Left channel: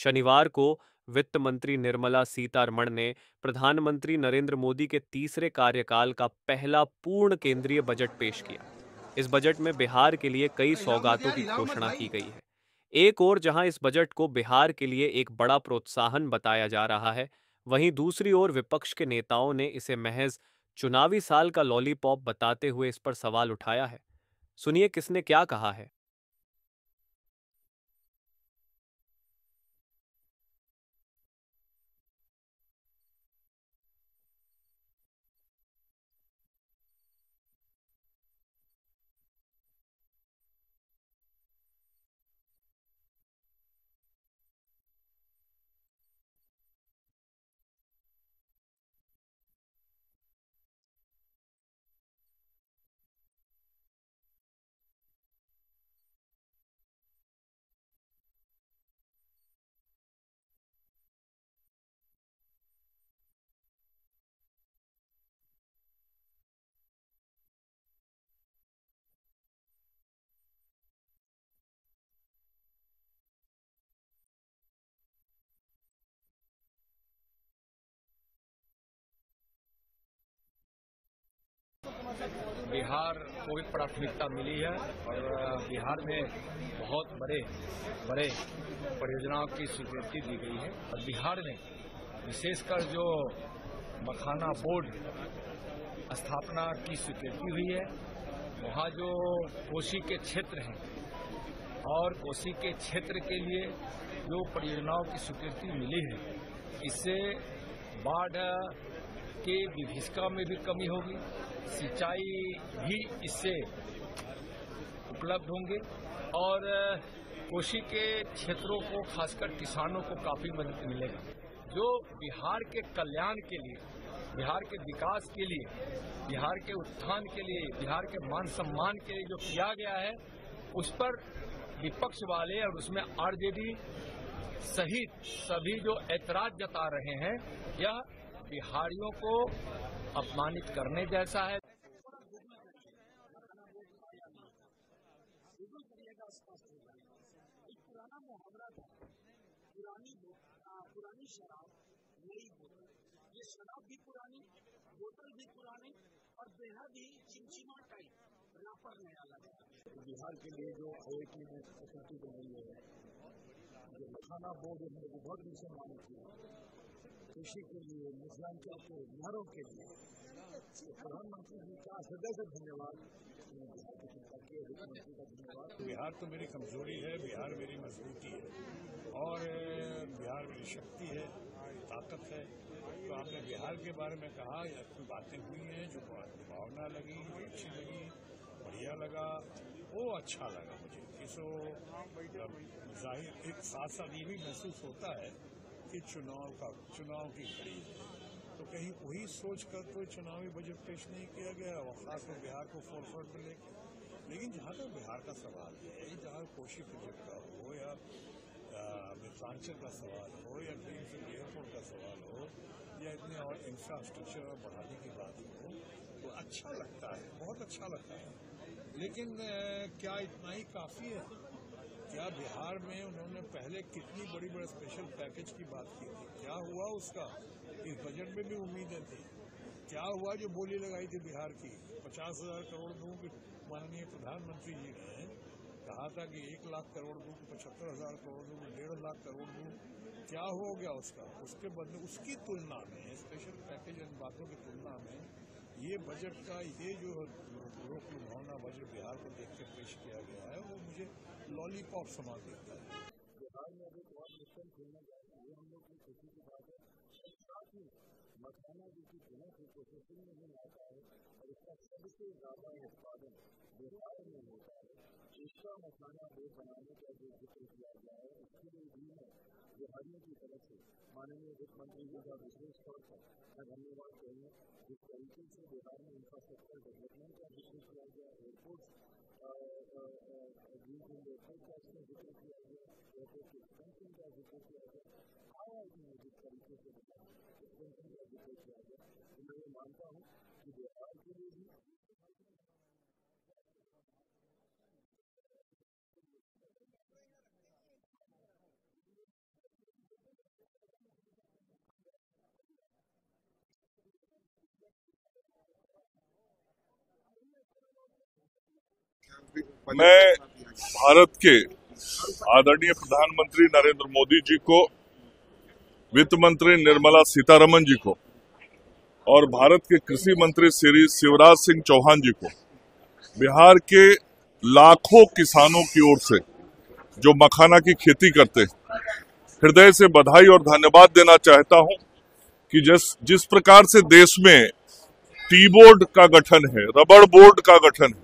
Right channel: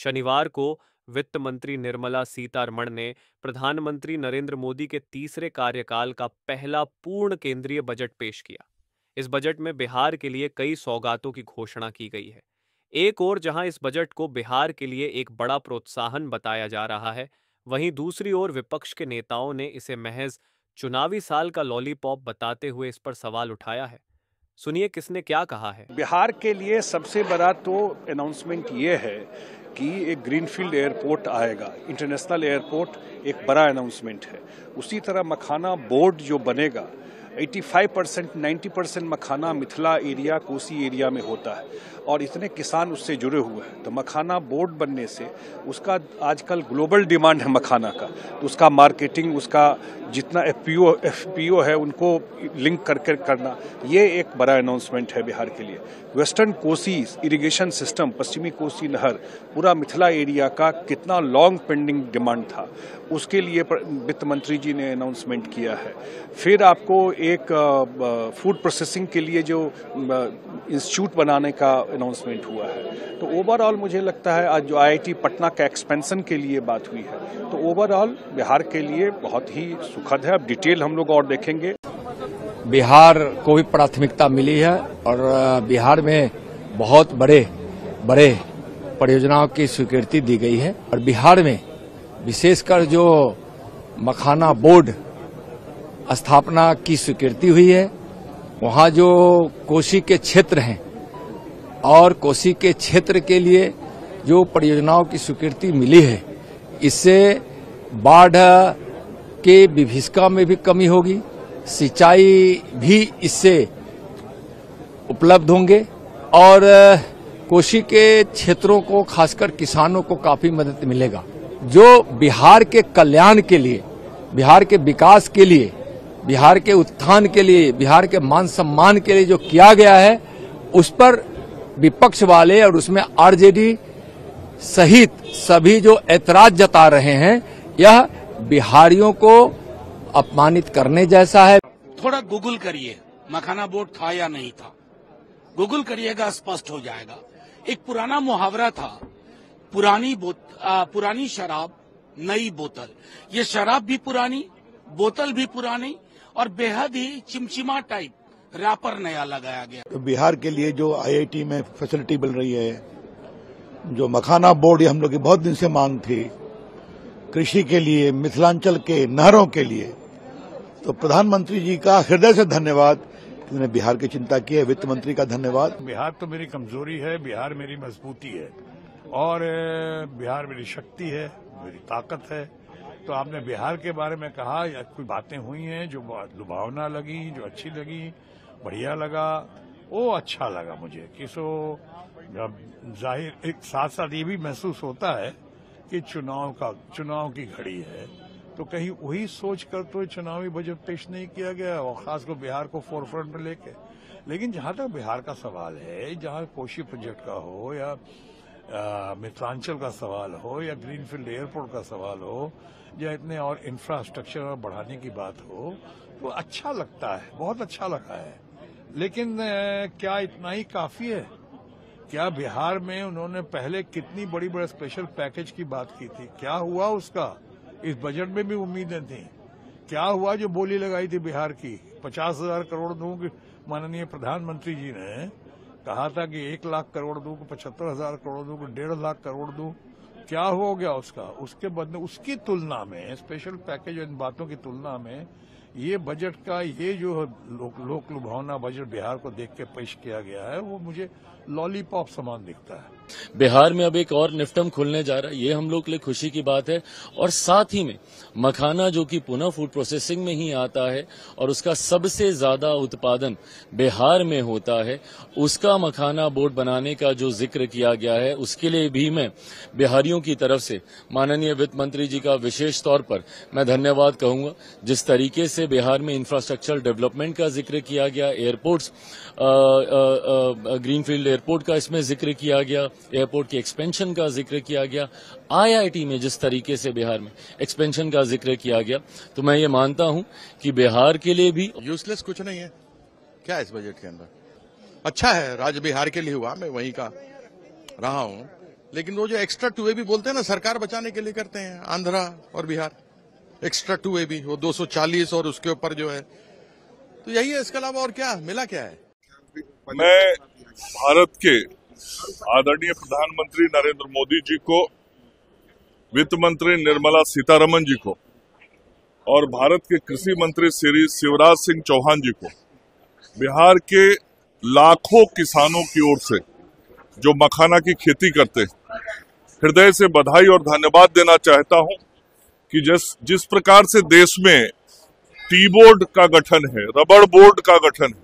शनिवार को वित्त मंत्री निर्मला सीतारमण ने प्रधानमंत्री नरेंद्र मोदी के तीसरे कार्यकाल का पहला पूर्ण केंद्रीय बजट पेश किया। इस बजट में बिहार के लिए कई सौगातों की घोषणा की गई है। एक ओर जहां इस बजट को बिहार के लिए एक बड़ा प्रोत्साहन बताया जा रहा है, वहीं दूसरी ओर विपक्ष के नेताओं ने इसे महज चुनावी साल का लॉलीपॉप बताते हुए इस पर सवाल उठाया है। सुनिए किसने क्या कहा है। बिहार के लिए सबसे बड़ा तो अनाउंसमेंट ये है कि एक ग्रीनफील्ड एयरपोर्ट आएगा, इंटरनेशनल एयरपोर्ट एक बड़ा अनाउंसमेंट है। उसी तरह मखाना बोर्ड जो बनेगा, 85% 90% मखाना मिथिला एरिया, कोसी एरिया में होता है और इतने किसान उससे जुड़े हुए हैं। तो मखाना बोर्ड बनने से उसका आजकल ग्लोबल डिमांड है मखाना का, तो उसका मार्केटिंग, उसका जितना एफपीओ है उनको लिंक करके करना, ये एक बड़ा अनाउंसमेंट है बिहार के लिए। वेस्टर्न कोसी इरिगेशन सिस्टम, पश्चिमी कोसी नहर, पूरा मिथिला एरिया का कितना लॉन्ग पेंडिंग डिमांड था, उसके लिए वित्त मंत्री जी ने अनाउंसमेंट किया है। फिर आपको एक फूड प्रोसेसिंग के लिए जो इंस्टीट्यूट बनाने का अनाउंसमेंट हुआ है। तो ओवरऑल मुझे लगता है आज जो आईआईटी पटना का एक्सपेंशन के लिए बात हुई है, तो ओवरऑल बिहार के लिए बहुत ही सुखद है। अब डिटेल हम लोग और देखेंगे। बिहार को भी प्राथमिकता मिली है और बिहार में बहुत बड़े परियोजनाओं की स्वीकृति दी गई है और बिहार में विशेषकर जो मखाना बोर्ड स्थापना की स्वीकृति हुई है, वहाँ जो कोसी के क्षेत्र हैं और कोसी के क्षेत्र के लिए जो परियोजनाओं की स्वीकृति मिली है, इससे बाढ़ के विभीषिका में भी कमी होगी, सिंचाई भी इससे उपलब्ध होंगे और कोसी के क्षेत्रों को, खासकर किसानों को काफी मदद मिलेगा। जो बिहार के कल्याण के लिए, बिहार के विकास के लिए, बिहार के उत्थान के लिए, बिहार के मान सम्मान के लिए जो किया गया है, उस पर विपक्ष वाले और उसमें आरजेडी सहित सभी जो ऐतराज जता रहे हैं, यह बिहारियों को अपमानित करने जैसा है। थोड़ा गूगल करिए, मखाना बोर्ड था या नहीं था, गूगल करिएगा, स्पष्ट हो जाएगा। एक पुराना मुहावरा था, पुरानी शराब नई बोतल। ये शराब भी पुरानी, बोतल भी पुरानी और बेहद ही चिमचिमा टाइप रैपर नया लगाया गया। तो बिहार के लिए जो आईआईटी में फैसिलिटी मिल रही है, जो मखाना बोर्ड, ये हम लोग की बहुत दिन से मांग थी, कृषि के लिए, मिथिलांचल के नहरों के लिए, तो प्रधानमंत्री जी का हृदय से धन्यवाद, उन्होंने बिहार की चिंता की है। वित्त मंत्री का धन्यवाद। बिहार तो मेरी कमजोरी है, बिहार मेरी मजबूती है और बिहार मेरी शक्ति है, मेरी ताकत है। तो आपने बिहार के बारे में कहा, या कोई बातें हुई हैं जो लुभावना लगी, जो अच्छी लगी, बढ़िया लगा, वो अच्छा लगा मुझे कि जाहिर एक साथ साथ ये भी महसूस होता है कि चुनाव की घड़ी है, तो कहीं वही सोच कर तो चुनावी बजट पेश नहीं किया गया और खासकर बिहार को फोरफ्रंट में लेके। लेकिन जहां तक बिहार का सवाल है, जहां कोसी प्रोजेक्ट का हो या मिथिलांचल का सवाल हो या ग्रीनफील्ड एयरपोर्ट का सवाल हो या इतने और इंफ्रास्ट्रक्चर बढ़ाने की बात हो, तो अच्छा लगता है, बहुत अच्छा लगा है। लेकिन क्या इतना ही काफी है? क्या बिहार में उन्होंने पहले कितनी बड़ी बड़ी स्पेशल पैकेज की बात की थी, क्या हुआ उसका? इस बजट में भी उम्मीदें थी। क्या हुआ जो बोली लगाई थी बिहार की 50,000 करोड़ दूं? माननीय प्रधानमंत्री जी ने कहा था कि 1 लाख करोड़ दूं, 75,000 करोड़ दूं, 1.5 लाख करोड़ दूं। क्या हो गया उसका? उसके बदले उसकी तुलना में, स्पेशल पैकेज इन बातों की तुलना में, ये बजट का ये जो लोक लुभावना बजट बिहार को देख के पेश किया गया है, वो मुझे लॉलीपॉप समान दिखता है। बिहार में अब एक और निफ्टम खुलने जा रहा है, ये हम लोग के लिए खुशी की बात है। और साथ ही में मखाना, जो कि पुनः फूड प्रोसेसिंग में ही आता है और उसका सबसे ज्यादा उत्पादन बिहार में होता है, उसका मखाना बोर्ड बनाने का जो जिक्र किया गया है, उसके लिए भी मैं बिहारियों की तरफ से माननीय वित्त मंत्री जी का विशेष तौर पर मैं धन्यवाद कहूंगा। जिस तरीके से बिहार में इंफ्रास्ट्रक्चर डेवलपमेंट का जिक्र किया गया, एयरपोर्ट्स, ग्रीनफील्ड एयरपोर्ट का इसमें जिक्र किया गया, एयरपोर्ट की एक्सपेंशन का जिक्र किया गया, आईआईटी में जिस तरीके से बिहार में एक्सपेंशन का जिक्र किया गया, तो मैं ये मानता हूं कि बिहार के लिए भी यूजलेस कुछ नहीं है। क्या है इस बजट के अंदर? अच्छा है, राज्य बिहार के लिए हुआ, मैं वहीं का रहा हूं, लेकिन वो जो एक्स्ट्रा 2A भी बोलते हैं ना, सरकार बचाने के लिए करते हैं, आंध्रा और बिहार एक्स्ट्रा 2A भी, वो 240 और उसके ऊपर जो है, तो यही है। इसके अलावा और क्या मिला, क्या है? मैं भारत के आदरणीय प्रधानमंत्री नरेंद्र मोदी जी को, वित्त मंत्री निर्मला सीतारमण जी को और भारत के कृषि मंत्री श्री शिवराज सिंह चौहान जी को बिहार के लाखों किसानों की ओर से जो मखाना की खेती करते हैं, हृदय से बधाई और धन्यवाद देना चाहता हूं कि जिस प्रकार से देश में टी बोर्ड का गठन है, रबड़ बोर्ड का गठन है,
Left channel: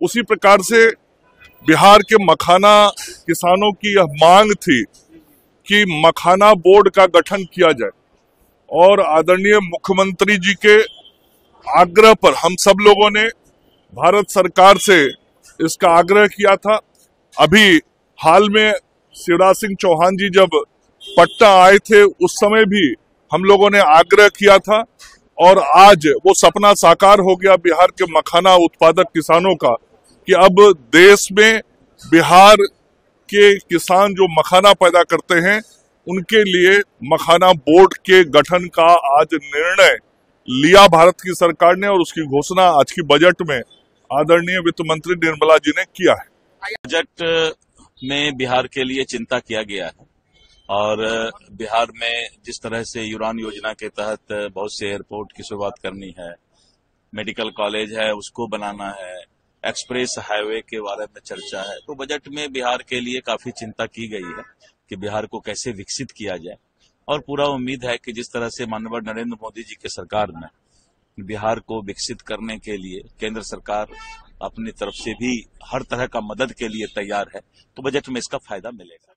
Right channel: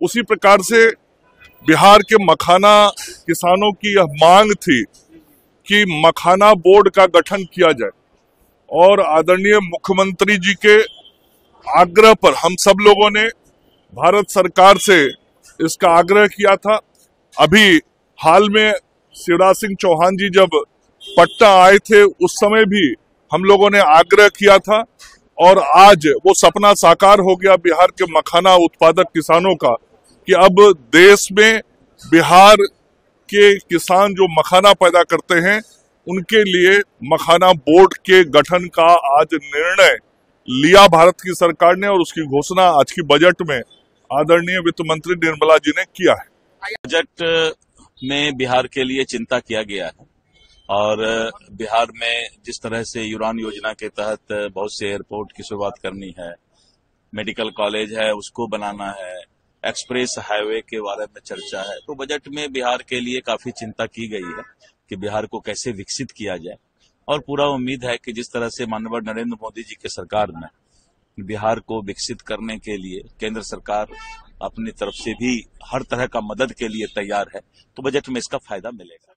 उसी प्रकार से बिहार के मखाना किसानों की यह मांग थी कि मखाना बोर्ड का गठन किया जाए। और आदरणीय मुख्यमंत्री जी के आग्रह पर हम सब लोगों ने भारत सरकार से इसका आग्रह किया था। अभी हाल में शिवराज सिंह चौहान जी जब पटना आए थे, उस समय भी हम लोगों ने आग्रह किया था और आज वो सपना साकार हो गया बिहार के मखाना उत्पादक किसानों का कि अब देश में बिहार के किसान जो मखाना पैदा करते हैं, उनके लिए मखाना बोर्ड के गठन का आज निर्णय लिया भारत की सरकार ने और उसकी घोषणा आज की बजट में आदरणीय वित्त मंत्री निर्मला जी ने किया है। बजट में बिहार के लिए चिंता किया गया है और बिहार में जिस तरह से उड़ान योजना के तहत बहुत से एयरपोर्ट की शुरुआत करनी है, मेडिकल कॉलेज है उसको बनाना है, एक्सप्रेस हाईवे के बारे में चर्चा है, तो बजट में बिहार के लिए काफी चिंता की गई है कि बिहार को कैसे विकसित किया जाए। और पूरा उम्मीद है कि जिस तरह से माननीय नरेंद्र मोदी जी की सरकार में बिहार को विकसित करने के लिए केंद्र सरकार अपनी तरफ से भी हर तरह का मदद के लिए तैयार है, तो बजट में इसका फायदा मिलेगा।